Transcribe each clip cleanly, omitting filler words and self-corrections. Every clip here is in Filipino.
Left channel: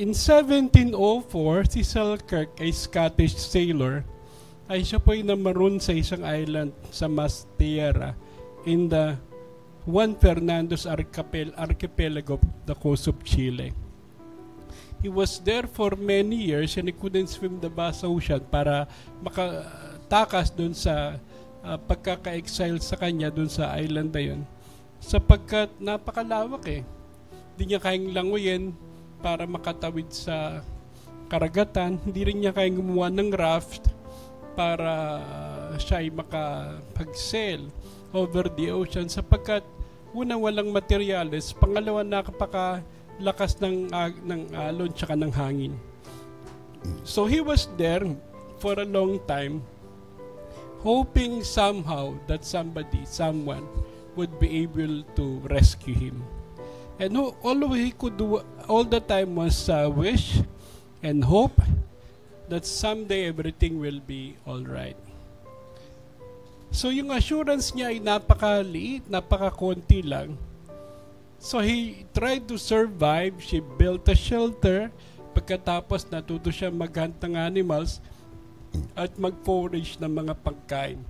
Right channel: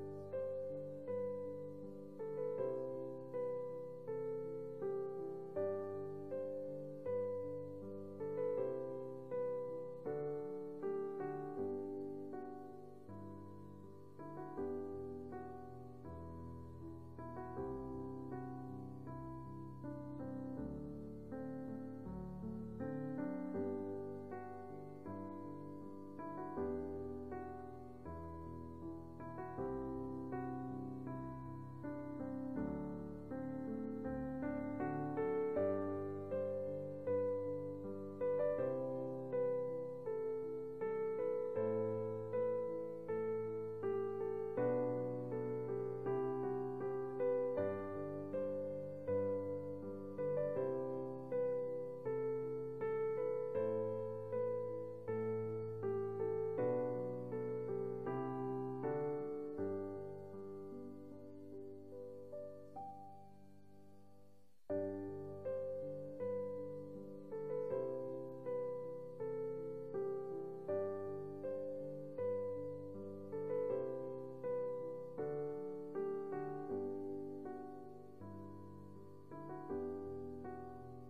In 1704, si Selkirk, a Scottish sailor, ay siya po ay namaroon sa isang island sa Masteira in the Juan Fernandez archipelago of the coast of Chile. He was there for many years and he couldn't swim the vast ocean para makatakas dun sa pagkaka-exile sa kanya dun sa island na yun. Sapagkat napakalawak Hindi niya kayang languyin para makatawid sa karagatan. Hindi rin niya kayang gumawa ng raft para siya ay makapag-sail over the ocean sapagkat una walang materyales, pangalawa napakalakas ng alon tsaka ng hangin. So he was there for a long time hoping somehow that someone would be able to rescue him. And all he could do all the time was wish and hope that someday everything will be all right. So yung assurance niya ay napakaliit, napakakonti lang. So he tried to survive. She built a shelter. Pagkatapos natuto siya mag-hunt ng animals at mag-forage ng mga pagkain.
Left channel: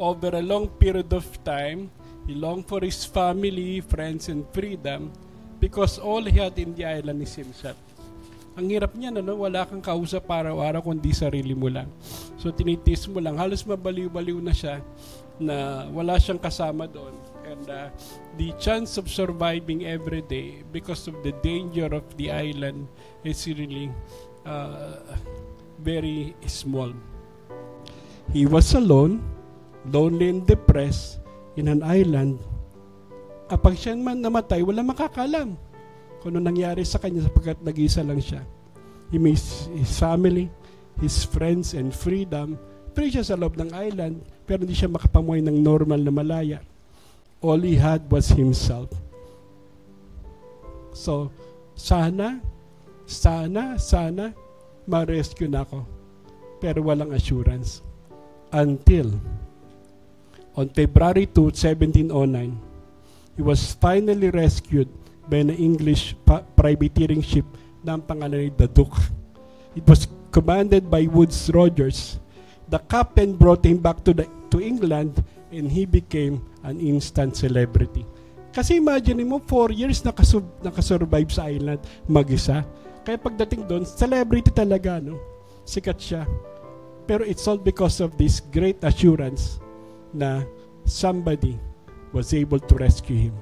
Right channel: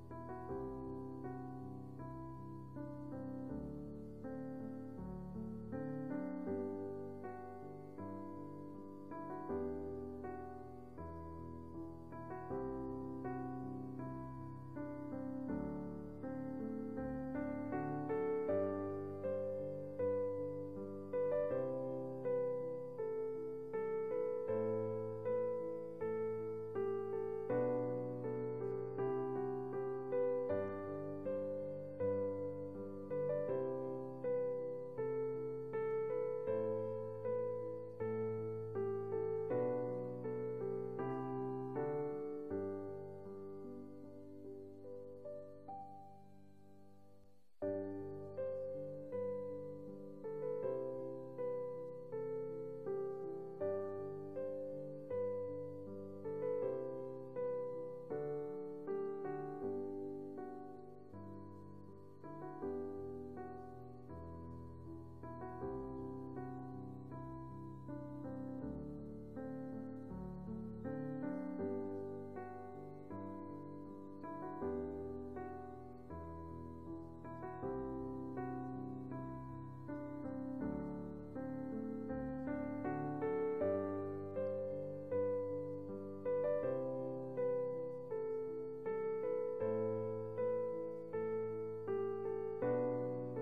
Over a long period of time, he longed for his family, friends, and freedom because all he had in the island is himself. Ang hirap niya, wala kang kausap araw-araw kundi sarili mo lang. So tinitiis mo lang. Halos mabaliw-baliw na siya na wala siyang kasama doon. And the chance of surviving every day because of the danger of the island is really very small. He was alone, lonely and depressed in an island. Kapag siya man namatay, wala makakalam kung ano nangyari sa kanya sapagkat nag-isa lang siya. He missed his family, his friends, and freedom. Free siya sa loob ng island, pero hindi siya makapamuhay ng normal na malaya. All he had was himself. So, sana ma-rescue na ako. Pero walang assurance. Until on February 2, 1709, he was finally rescued by an English privateering ship na ang pangalan ay The Duke. It was commanded by Woodes Rogers. The captain brought him back to England and he became an instant celebrity. Kasi imagine mo, 4 years nakasurvive sa island mag-isa. Kaya pagdating doon, celebrity talaga, sikat siya. Pero it's all because of this great assurance na somebody was able to rescue him.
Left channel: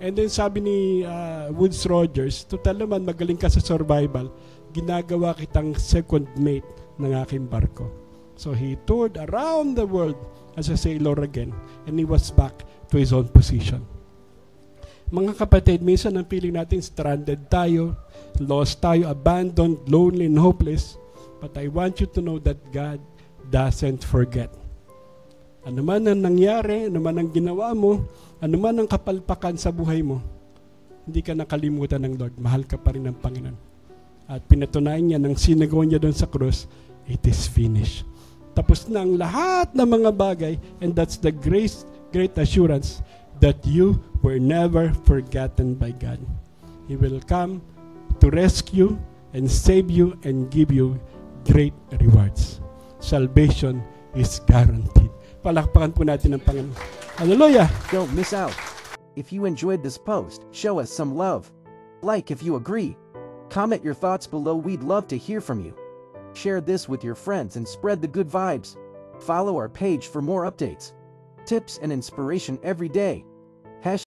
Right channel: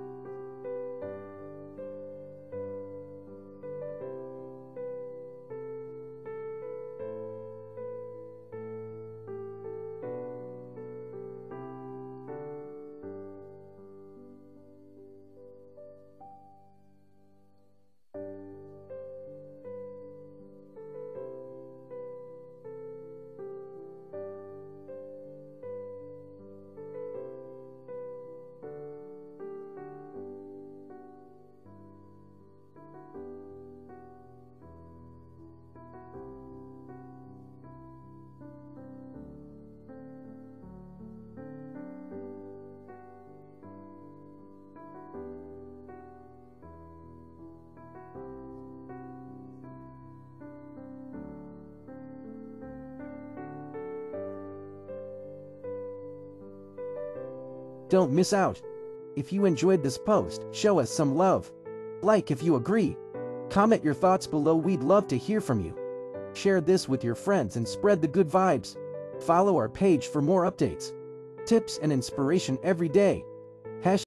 And then sabi ni Woodes Rogers, total naman magaling ka sa survival, ginagawa kitang second mate ng aking barko. So he toured around the world as a sailor again and he was back to his own position. Mga kapatid, minsan ang feeling natin stranded tayo, lost tayo, abandoned, lonely and hopeless. But I want you to know that God doesn't forget. Ano man ang nangyari, ano man ang ginawa mo, ano man ang kapalpakan sa buhay mo, hindi ka nakalimutan ng Lord. Mahal ka pa rin ng Panginoon. At pinatunayan niya ng sinagawa niya doon sa krus, it is finished. Tapos na ang lahat ng mga bagay, and that's the great assurance that you were never forgotten by God. He will come to rescue and save you and give you great rewards. Salvation is guaranteed. Palakpakan po natin ang Panginoon. Hallelujah! Don't miss out. If you enjoyed this post, show us some love. Like if you agree. Comment your thoughts below. We'd love to hear from you. Share this with your friends and spread the good vibes. Follow our page for more updates, tips, and inspiration every day.